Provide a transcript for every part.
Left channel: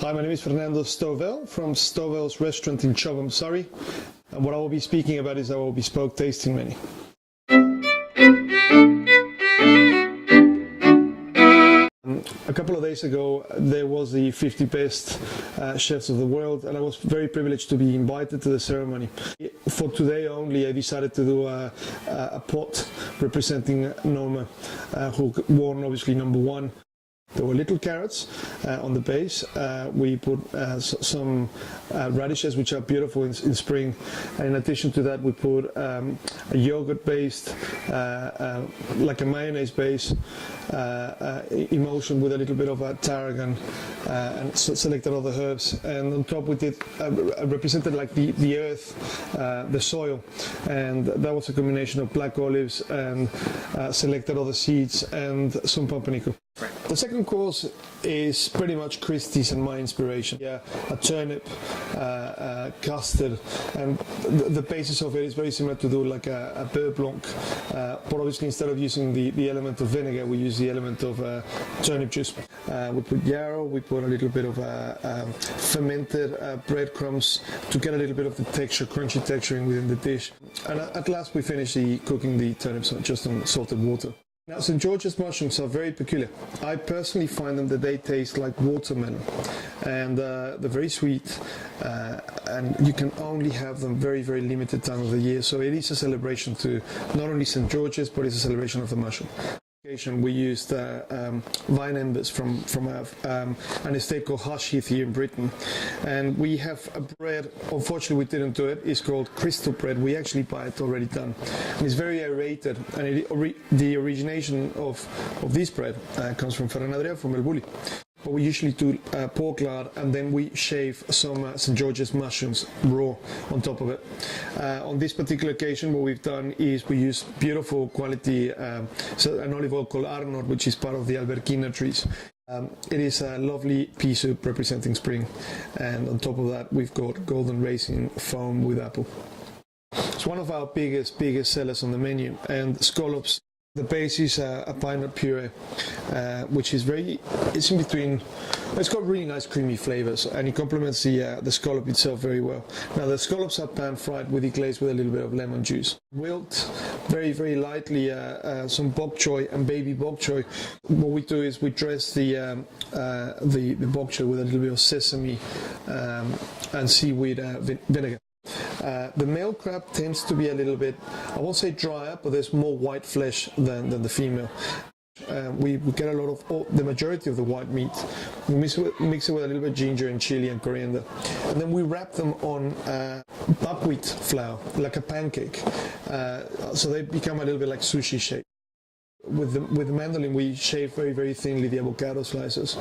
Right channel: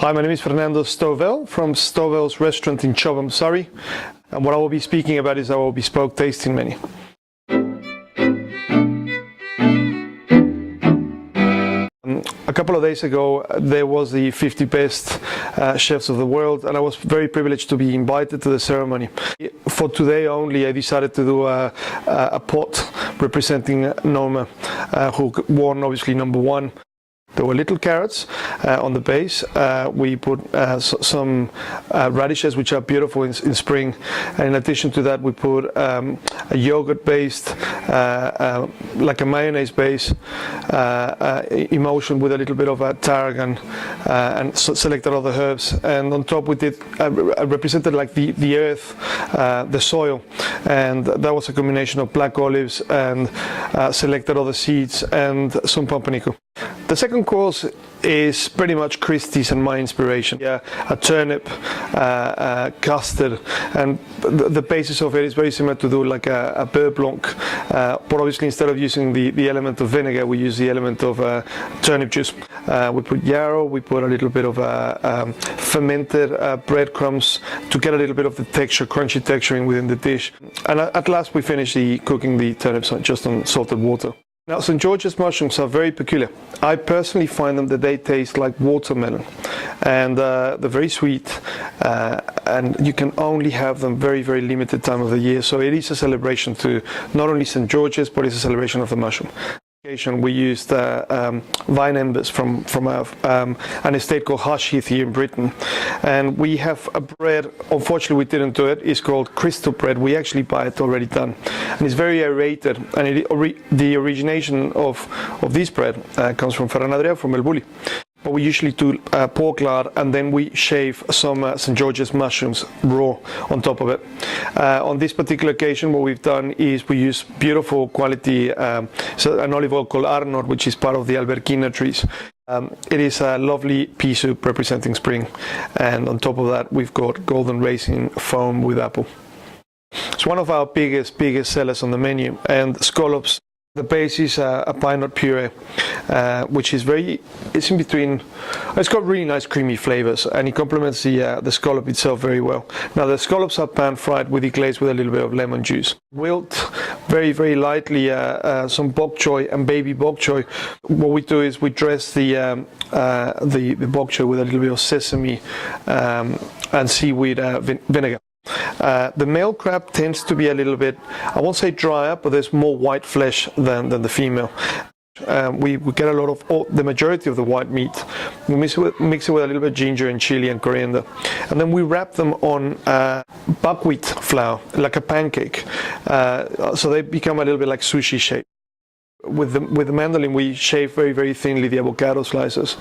Hi, my name is Fernando Stovells from Stovells restaurant in Chobham, Surrey, and what I will be speaking about is our bespoke tasting menu. A couple of days ago, there was the 50 best chefs of the world, and I was very privileged to be invited to the ceremony. For today only, I decided to do a pot representing Norma, who won obviously number one. There were little carrots on the base. We put some radishes, which are beautiful in spring. And in addition to that, we put a yogurt-based, like a mayonnaise base, emulsion with a little bit of tarragon and selected other herbs. And on top, we did represented like the earth, the soil, and that was a combination of black olives and selected other seeds and some pumpernickel. The second course is pretty much Christie's and my inspiration. Yeah, a turnip, custard, and the basis of it is very similar to do like a beurre blanc, but obviously instead of using the element of vinegar, we use the element of turnip juice. We put yarrow, we put a little bit of fermented breadcrumbs to get a little bit of the texture, crunchy texturing within the dish. And at last we finish cooking the turnips just on salted water. Now, St. George's mushrooms are very peculiar. I personally find them that they taste like watermelon, and they're very sweet, and you can only have them very, very limited time of the year. So it is a celebration to not only St. George's, but it's a celebration of the mushroom. We used vine embers from an estate called Hushheath here in Britain, and we have a bread. Unfortunately, we didn't do it. It's called crystal bread. We actually buy it already done, and it's very aerated. And the origination of this bread comes from Ferran Adrià, from El Bulli. But we usually do pork lard, and then we shave some St. George's mushrooms raw on top of it. On this particular occasion, what we've done is we use beautiful quality, an olive oil called Arnor, which is part of the Alberquina trees. It is a lovely pea soup representing spring, and on top of that, we've got golden raisin foam with apple. It's one of our biggest sellers on the menu, and scallops. The base is a pine nut puree, which is it's in between. It's got really nice creamy flavors, and it complements the scallop itself very well. Now the scallops are pan fried with deglaze with a little bit of lemon juice. Wilt very, very lightly some bok choy and baby bok choy. What we do is we dress the bok choy with a little bit of sesame and seaweed vinegar. The male crab tends to be a little bit, I won't say drier, but there's more white flesh than the female. We get a lot of the majority of the white meat. We mix it with a little bit of ginger and chili and coriander, and then we wrap them on buckwheat flour, like a pancake, so they become a little bit like sushi shape. With the mandolin, we shave very, very thinly the avocado slices,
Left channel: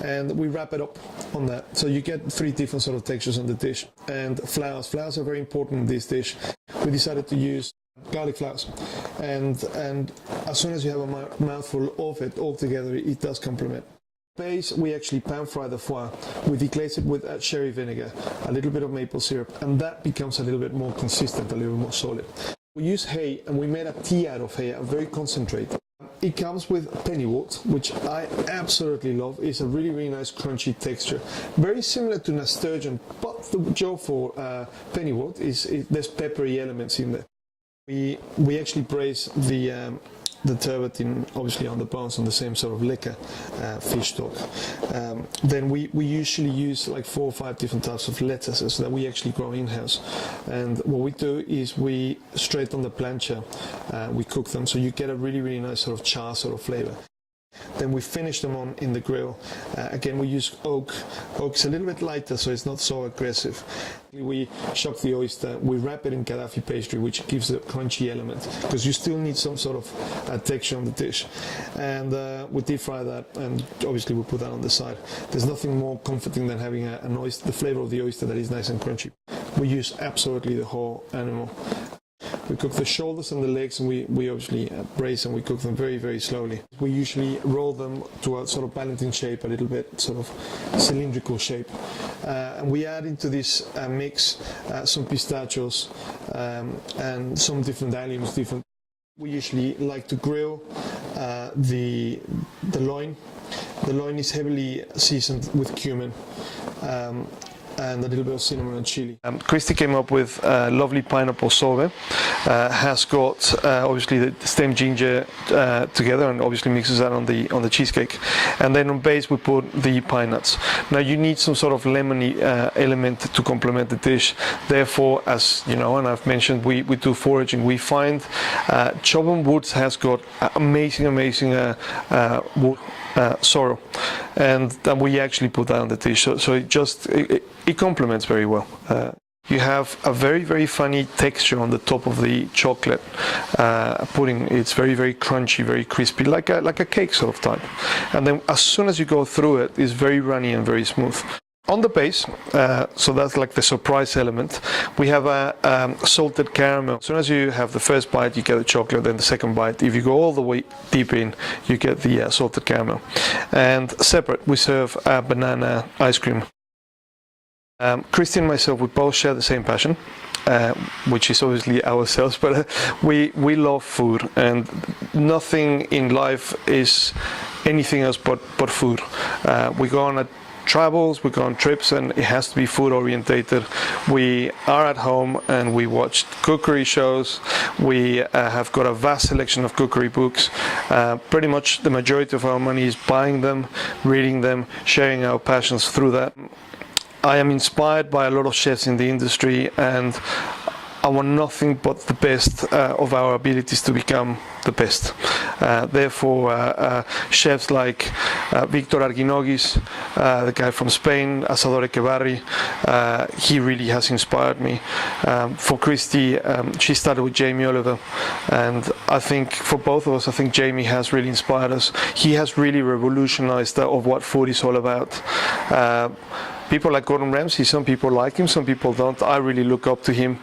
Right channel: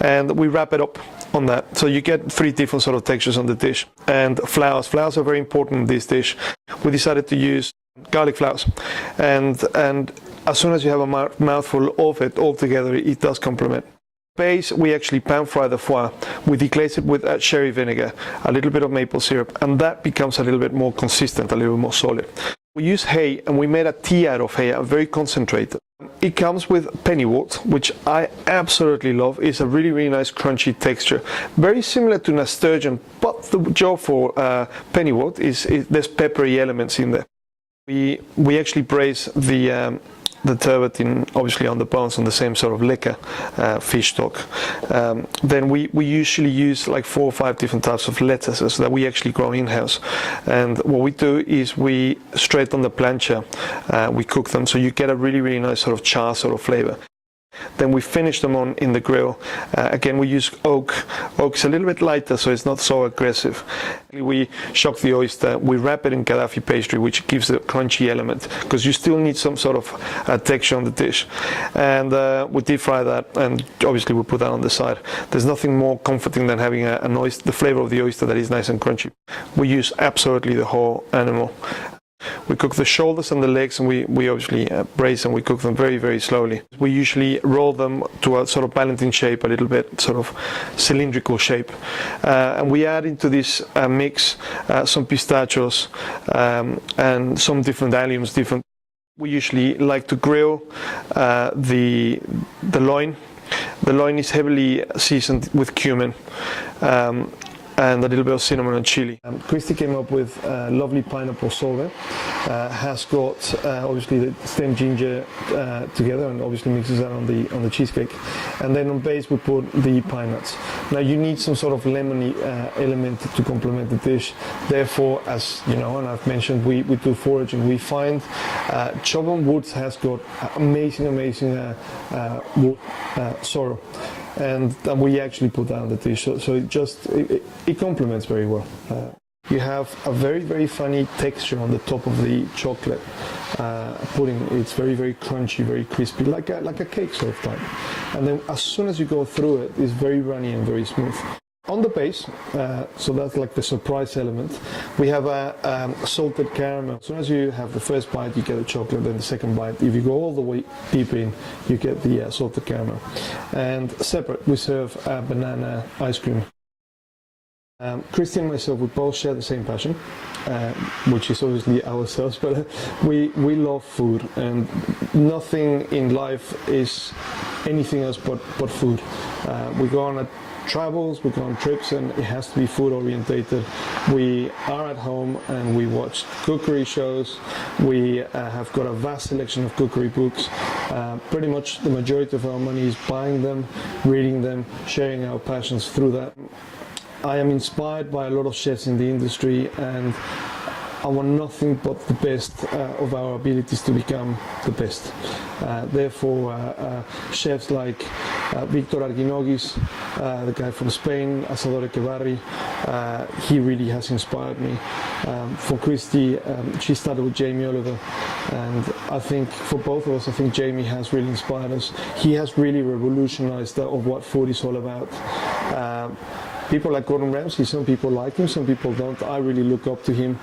and we wrap it up on that. So you get three different sort of textures on the dish. And flours are very important in this dish. We decided to use garlic flours, and as soon as you have a mouthful of it all together, it does complement. Base, we actually pan fry the foie. We deglaze it with sherry vinegar, a little bit of maple syrup, and that becomes a little bit more consistent, a little more solid. We use hay, and we made a tea out of hay, very concentrated. It comes with pennywort, which I absolutely love. It's a really, really nice crunchy texture. Very similar to nasturtium, but the job for pennywort is there's peppery elements in there. We actually braise the turbot obviously on the bones on the same sort of lecker fish stock. Then we usually use like 4 or 5 different types of lettuces that we actually grow in-house. And what we do is we straight on the plancha, we cook them, so you get a really, really nice sort of char sort of flavor. Then we finish them in the grill. Again, we use oak. Oak's a little bit lighter, so it's not so aggressive. We shock the oyster. We wrap it in Gaddafi pastry, which gives a crunchy element, because you still need some sort of texture on the dish. And we deep fry that, and obviously we put that on the side. There's nothing more comforting than having the flavor of the oyster that is nice and crunchy. We use absolutely the whole animal. We cook the shoulders and the legs, and we obviously braise, and we cook them very, very slowly. We usually roll them to a sort of Ballantine shape, a little bit sort of cylindrical shape. And we add into this mix some pistachios and some different alliums. We usually like to grill the loin The loin is heavily seasoned with cumin. And a little bit of cinnamon and chili. Christy came up with a lovely pineapple sorbet. Has got obviously the stem ginger together, and obviously mixes that on the cheesecake. And then on base we put the pine nuts. Now you need some sort of lemony element to complement the dish. Therefore, as you know, and I've mentioned, we do foraging. We find Chobham Woods has got amazing wood sorrel, and we actually put that on the dish. So it complements very well. You have a very funny texture on the top of the chocolate pudding. It's very crunchy, very crispy, like a cake sort of type. And then as soon as you go through it, it's very runny and very smooth. On the base, so that's like the surprise element, we have a salted caramel. As soon as you have the first bite, you get the chocolate, then the second bite. If you go all the way deep in, you get the salted caramel. And separate, we serve a banana ice cream. Christy and myself, we both share the same passion, which is obviously ourselves, but we love food, and nothing in life is anything else but food. We go on travels, we go on trips, and it has to be food orientated. We are at home and we watch cookery shows. We have got a vast selection of cookery books. Pretty much the majority of our money is buying them, reading them, sharing our passions through that. I am inspired by a lot of chefs in the industry, and I want nothing but the best of our abilities to become the best. Therefore, chefs like Victor Arguinogis, the guy from Spain, Asador Echevarri, he really has inspired me. For Christy, she started with Jamie Oliver, and I think for both of us, I think Jamie has really inspired us. He has really revolutionized of what food is all about. People like Gordon Ramsay, some people like him, some people don't. I really look up to him.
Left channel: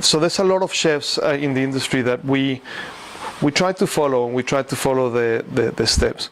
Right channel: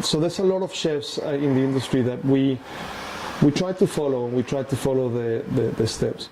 So there's a lot of chefs in the industry that we try to follow, and we try to follow the steps.